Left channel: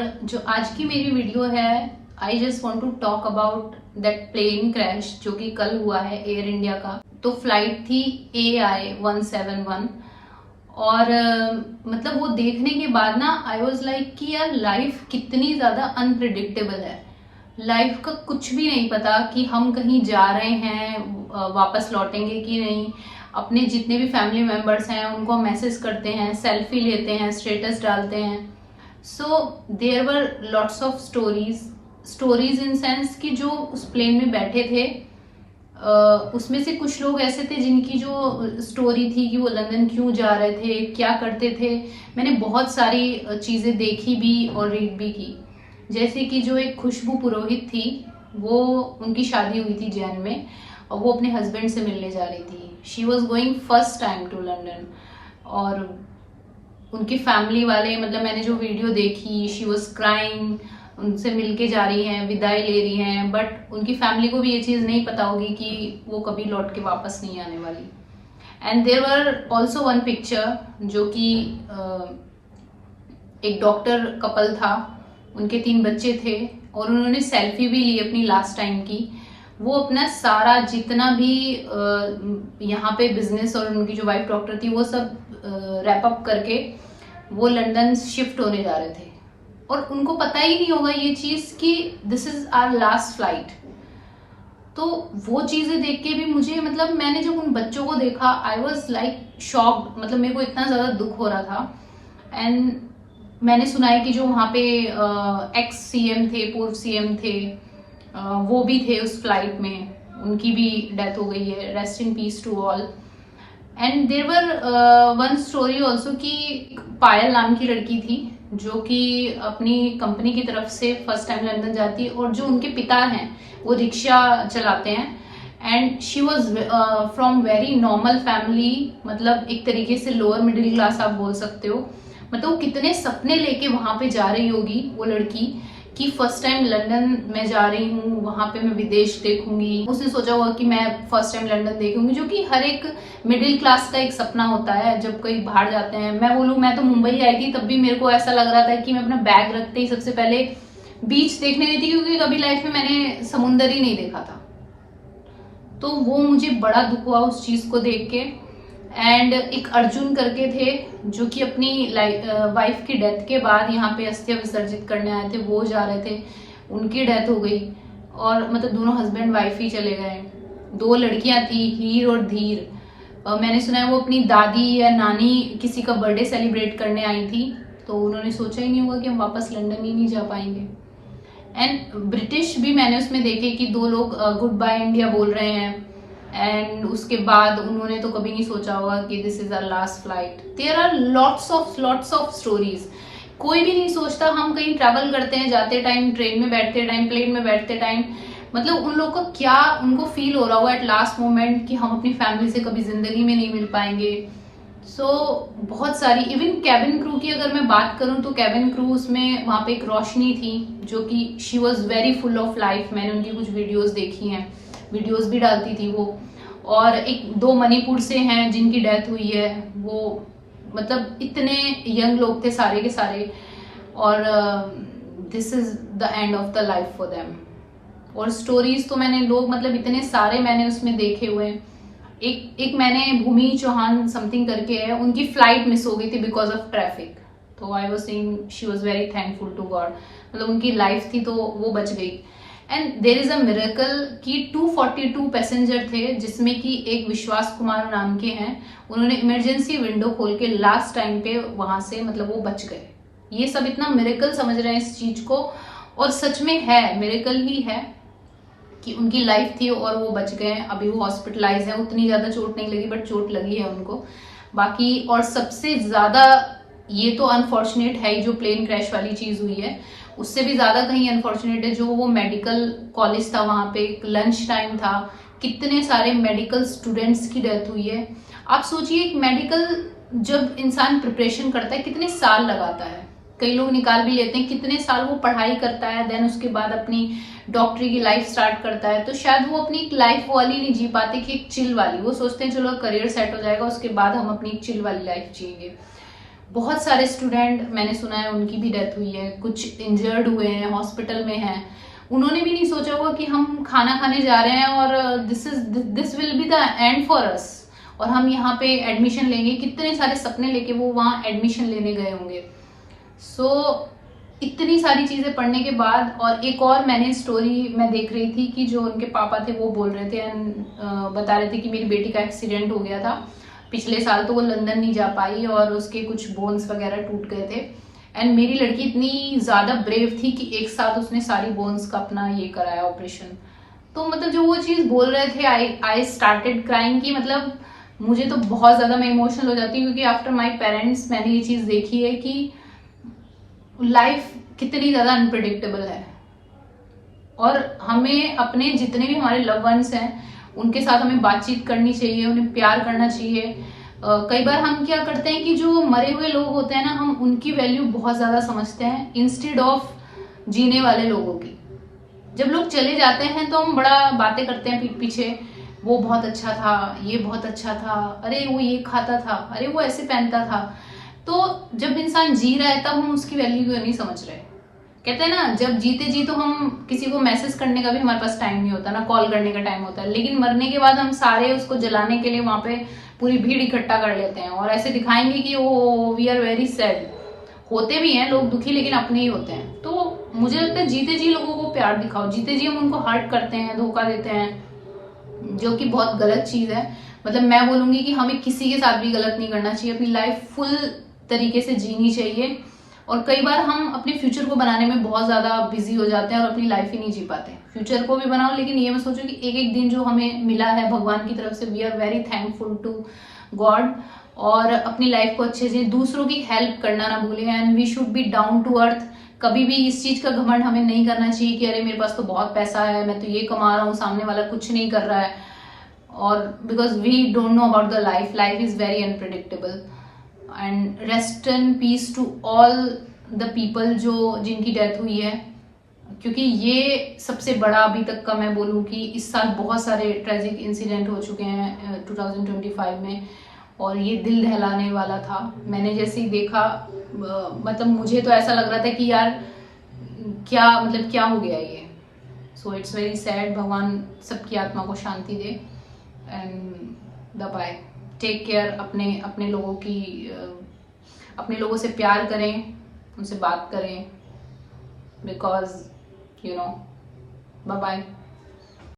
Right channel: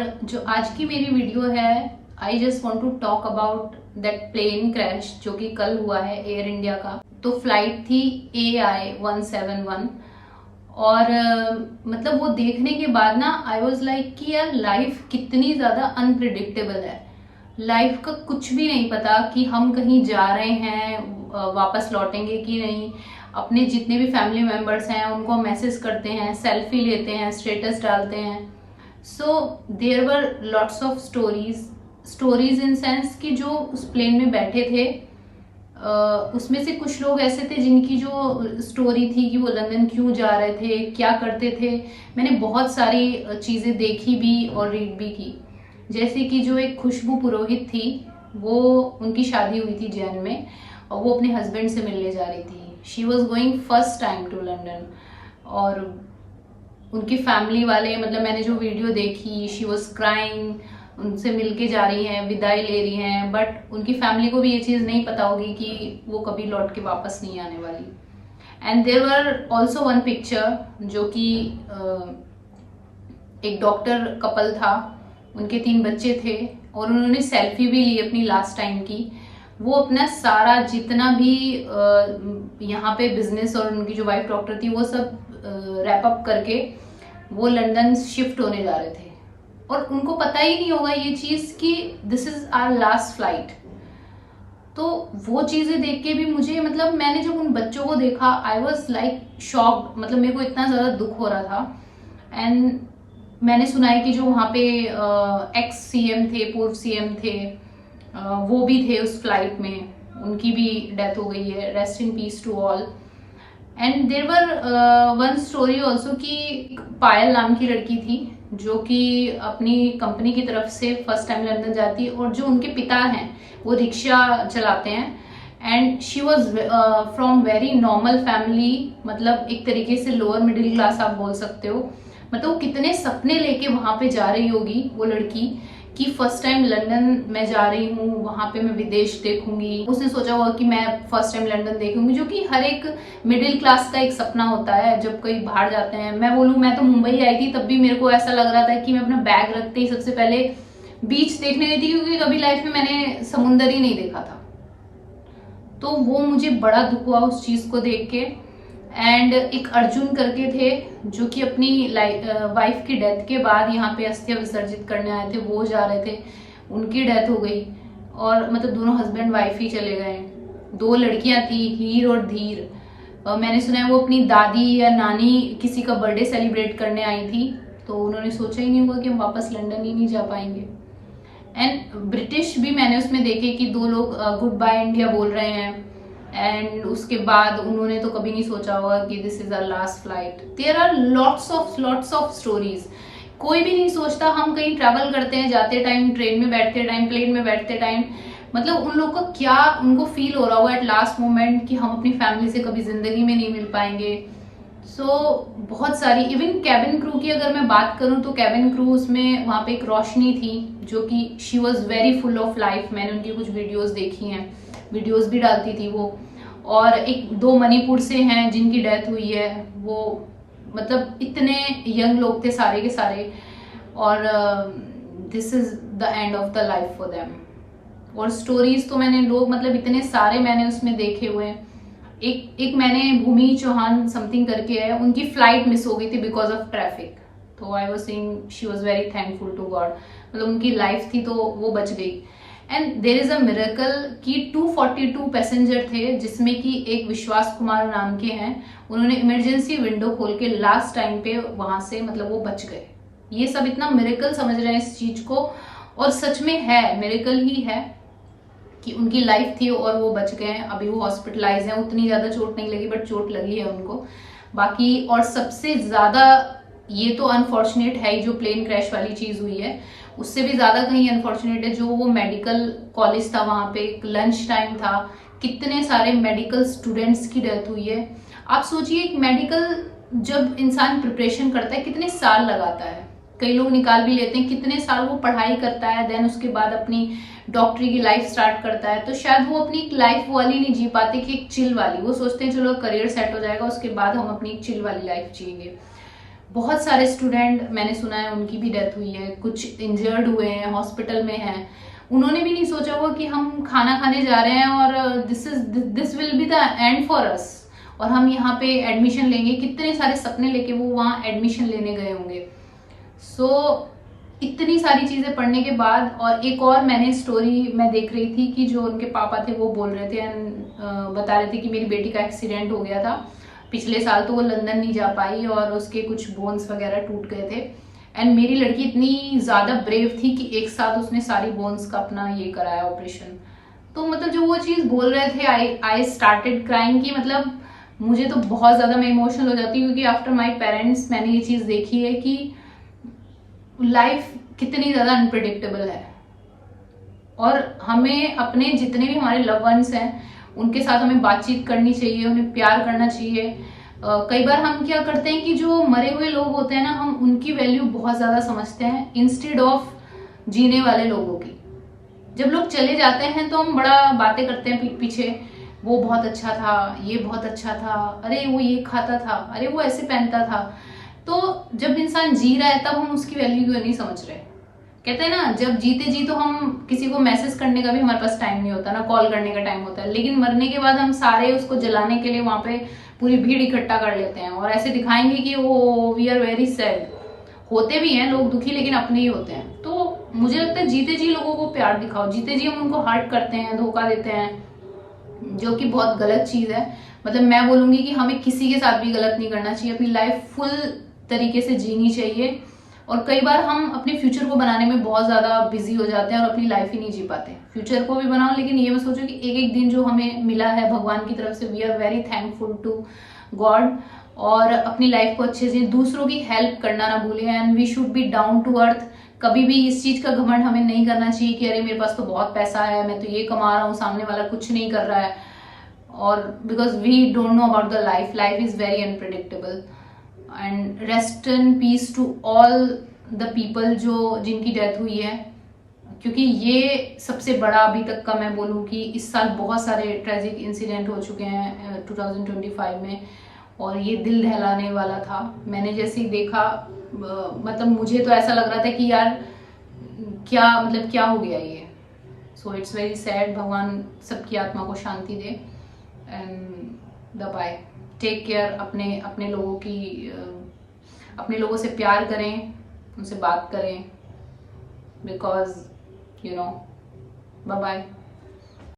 जो आज की मेरी वीडियो है, I just want to talk about that plane crash जो कि कल हुआ है एयर इंडिया का। तो फ्लाइट थी AI-171 और मतलब वो देखने के बाद ना आई वॉज लाइक कि यार लाइफ कितनी ज़्यादा अनप्रिडिक्टेबल है। लाइफ का कुछ भी नहीं पता कि हम कहीं जा रहे हैं, वापस लौटेंगे कि नहीं। अपने जितने भी फैमिली मेम्बर्स हैं उनको हम मैसेज करते हैं, सेल्फी लेते हैं, स्टेटस डालते हैं। So there were lots of stories in sense कि जो उस प्लेन में बैठे थे उसमें से कुछ लोग ऐसे थे जिनकी जो स्टोरी थी कि वो लंदन क्यों जा रहे थे, क्या करते थे। मैंने बहुत सारी चीज़ें देखी भी और रीड भी की। जैसे कि जो एक खुशबू पुरोहित थी, वो उनकी शादी हुई थी जैन में और वो अपने हस्बैंड से मिलने जा रही थी। She was going first time to London और उनकी फैमिली वाले, मतलब मैंने जो वीडियो देखी, शी वॉज क्राइंग, उनसे मिलके जा रही हैं, विदाई ले रही हैं। बट उनकी फैमिली को भी ये चीज़ नहीं पता होगी कि वो कभी लौट के वापस नहीं आने वाली। And there were also one picture जो कि एक डॉक्टर कपल था, उनके 3 बच्चे थे और उन्होंने सेल्फी भी ली अपनी लास्ट टाइम की। वो अपना सारा जितना भी यहाँ पे बिजनेस और उनकी जो वाइफ डॉक्टर थी वो सब रैप अप करके वो लंदन शिफ्ट होने जा रहे थे और उनको पता ही नहीं होगा ये चीज़ कि this is our last flight. तो वो चीज़ें देख के भी मुझे, मतलब मैंने जब उन बच्चों को देखा आई वॉज लाइक शॉक्ड। मतलब मेरे को इतना ज़्यादा दुख हो रहा था। एंड मैंने सुना है कि जो वहाँ पे एक्स CM थे, पूर्व CM थे, वो भी थे उस फ्लाइट में, उनकी भी डेथ हो गई है। Rest in peace to all. And there were one story also कि पायल नाम की लड़की थी जो कि अपनी कंपनी की तरफ से फर्स्ट टाइम लंदन जाती है और जो उनके पिता हैं वो रिक्शा चलाते हैं। And she was from very normal family, मतलब एक तरीके से लोअर मिडिल क्लास आप बोल सकते हो। मतलब वो कितने सपने लेके वहां पे जा रही होगी वो लड़की कि फर्स्ट टाइम लंदन मैं जा रही हूँ, वहां पे मैं विदेश देखूंगी। उसने सोचा होगा कि मैं फर्स्ट टाइम लंदन देखूंगी, जो कि हर एक मिडिल क्लास का एक सपना होता है जब कहीं बाहर जाते हैं। मैं बोलूँ, मैं तो मुंबई आई थी तब भी मेरे को ऐसा लग रहा था कि मैं अपना बैग रखते ही सबसे पहले बीच देखने गई थी, क्योंकि कभी लाइफ में मैंने समुंदर ही नहीं देखा था। तो वो मुझे बड़ा दुख हुआ उस चीज को देख के। एंड एक अर्जुन करके थे जो कि अपनी वाइफ की डेथ के बाद यहाँ पे अस्थियां विसर्जित करने आए थे, वो जा रहे थे, उनकी डेथ हो गई और मतलब दोनों हस्बैंड वाइफ ही चले गए। 2 लड़कियां थी, हीर और धीर। मैंने सुना है वो अपनी दादी या नानी किसी का बर्थडे सेलिब्रेट करने आई थी, तो उन्होंने सोचा ही नहीं होगा कि हम वापस लंदन ही नहीं जा पाएंगे। एंड ब्रिटिश भी मैंने उसमें देखे कि 2 लोग गुड बाय इंडिया बोल रहे हैं। एंड उसके बाद उन्होंने तो कभी नहीं सोचा होगा कि this is our last flight. There are lots of stories. कोई भी नहीं सोचता, हम कहीं ट्रैवल करते हैं जाते टाइम, ट्रेन में बैठते टाइम, प्लेन में बैठते टाइम, मतलब उन लोगों को क्या उनको फील हो रहा होगा एट लास्ट मोमेंट कि हम अपनी फैमिली से कभी जिंदगी में नहीं मिल पाएंगे। सो बहुत सारी, इवन कैबिन क्रू की अगर मैं बात करूं तो कैबिन क्रू उसमें वहां पे एक रोशनी थी जो कि she was very full of life. मैंने उनकी कुछ वीडियोज देखी हैं, वीडियोस भी डालती थी वो। और एक 2 मणिपुर से हैं जिनकी डेथ हुई है। वो मतलब इतने यंग लोग थे सारे के सारे, और this is the end of the life for them. और स्टोरीज तो मैंने लोग, मतलब इतने सारे मैंने उसमें देखे हुए हैं। एक मैंने भूमि चौहान समथिंग करके है, उनकी फ्लाइट मिस हो गई थी बिकॉज ऑफ ट्रैफिक। तो I was saying she was very thankful to God, मतलब उनकी लाइफ थी तो वो बच गई। And there is a miracle कि 242 पैसेंजर थे जिसमें कि एक विश्वास कुमार नाम के हैं, उन्होंने इमरजेंसी विंडो खोल के लास्ट टाइम पे वहां से, मतलब वो बच गए। ये सब इतना मिरेकल समझ रहे हैं इस चीज को, और सच में है, मिरेकल ही है कि उनकी लाइफ थी और वो बच गए। अभी वो हॉस्पिटलाइज है, उतनी ज्यादा चोट नहीं लगी बट चोट लगी है उनको बाकी। और सबसे ज्यादा ये तो अनफॉर्चुनेट है जो प्लेन क्रैश वाली चीज हुई है, उससे भी ज्यादा कहीं अनफॉर्चुनेट है जो वो मेडिकल कॉलेज था, वहां पे लंच टाइम था, कितने सारे मेडिकल स्टूडेंट्स की डेथ हुई है। आप सोचिए, एक मेडिकल जब इंसान प्रिपरेशन करता है कितने साल लगाता है, कई लोग निकाल भी लेते हैं, कितने साल वो पढ़ाई करता है, देन उसके बाद अपनी डॉक्टरी की लाइफ स्टार्ट करता है। तो शायद वो अपनी लाइफ वाली नहीं जी पाते कि एक चिल वाली, वो सोचते हैं चलो करियर सेट हो जाएगा उसके बाद हम अपनी चिल वाली लाइफ जिएंगे। बहुत सारे स्टूडेंट मैंने सुना है उनकी भी डेथ हुई है, कुछ इंजर्ड हुए हैं, हॉस्पिटल में हैं। उन्होंने भी नहीं सोचा होगा कि हम खाना खाने जा रहे हैं और this will be the end for us, और हम यहाँ पे एडमिशन लेंगे। कितने सारे सपने लेके वो वहाँ एडमिशन लेने गए होंगे। सो इतनी सारी चीज़ें पढ़ने के बाद, और एक और मैंने स्टोरी मैं देख रही थी कि जो उनके पापा थे वो बोल रहे थे एंड बता रहे थे कि मेरी बेटी का एक्सीडेंट हो गया था पिछले साल, तो वो लंदन नहीं जा पाई और उसके कुछ बोन्स वगैरह टूट गए थे। एंड मेरी लड़की इतनी ज़्यादा ब्रेव थी कि एक साथ उसने सारी बोन्स का अपना ये कराया ऑपरेशन। तो मतलब जो वो चीज़ बोल रहे थे, आई स्टार्टेड क्राइंग की मतलब मुझे तो बहुत ज़्यादा मैं इमोशनल हो जाती हूँ, क्योंकि आफ्टर माई पेरेंट्स मैंने ये चीज़ देखी है कि लाइफ कितनी ज़्यादा अनप्रिडिक्टेबल है। और हमें अपने जितने भी हमारे लव वंस हैं उनके साथ हमें बातचीत करनी चाहिए, उन्हें प्यार करना चाहिए। कई बार हम क्या करते हैं कि जो मरे हुए लोग होते हैं ना, हम उनकी वैल्यू बहुत ज़्यादा समझते हैं इंस्टेड ऑफ जीने वाले लोगों की। जब लोग चले जाते हैं तो हम बड़ा बातें करते हैं पीठ पीछे, वो बहुत अच्छा था, ये बहुत अच्छा था, अरे वो ये खाता था, अरे वो ऐसे पहनता था। तो जब इंसान जी रहा है तब हम उसकी वैल्यू क्यों नहीं समझ रहे। कहते हैं ना, जब जीते जी तो हम किसी को मैसेज करने का भी हमारे पास टाइम नहीं होता ना, कॉल करने का टाइम होता है, लेकिन मरने के बाद हम सारे उसको जलाने के लिए वहां पे पूरी भीड़ इकट्ठा कर लेते हैं और ऐसे दिखाएंगे कि वो वी आर वेरी सैड। होते भी हैं लोग दुखी, लेकिन अपने ही होते हैं। तो मुझे लगता है जीते जी लोगों को प्यार दिखाओ। जीते जी हम उनको हर्ट करते हैं, धोखा देते हैं, जो कि बहुत गलत चीज है। मतलब मैं बोलूंगी कि हमें किसी के साथ भी गलत नहीं करना चाहिए, अपनी लाइफ फुल तरीके से जीनी चाहिए। और कई बार हम अपने फ्यूचर को बनाने में बहुत ज़्यादा बिजी हो जाते हैं और अपनी लाइफ ही नहीं जी पाते। फ्यूचर को भी बनाओ, लेकिन ये मैं सोचो कि एक एक दिन जो हमें मिला है भगवान की तरफ से, we are very thankful to God. और अपनी लाइफ को अच्छे से, दूसरों की हेल्प करना ना भूलें, and we should be down to earth. कभी भी इस चीज़ का घमंड हमें नहीं करना चाहिए कि अरे मेरे पास तो बहुत पैसा है, मैं तो ये कमा रहा हूँ, सामने वाला कुछ नहीं कर रहा है। और because we don't know about the life, life is very unpredictable. And rest in peace to all the people जो जिनकी डेथ हुई है, क्योंकि ये सबसे बड़ा अभी तक का मैं बोलूँ कि इस साल बहुत सारे ट्रेजिक इंसिडेंट हो चुके हैं 2025 में, और ये दिल दहलाने वाला था। मैंने जैसे ही देखा मतलब मुझे तो ऐसा लग रहा था कि यार क्या मतलब क्या हो गया ये। So it's very sad. भगवान सबकी आत्मा को शांति दे। And the bye, take care. अपने लोगों की अपने लोगों से प्यार करें, उनसे बात करें, बिकॉज बाय बाय।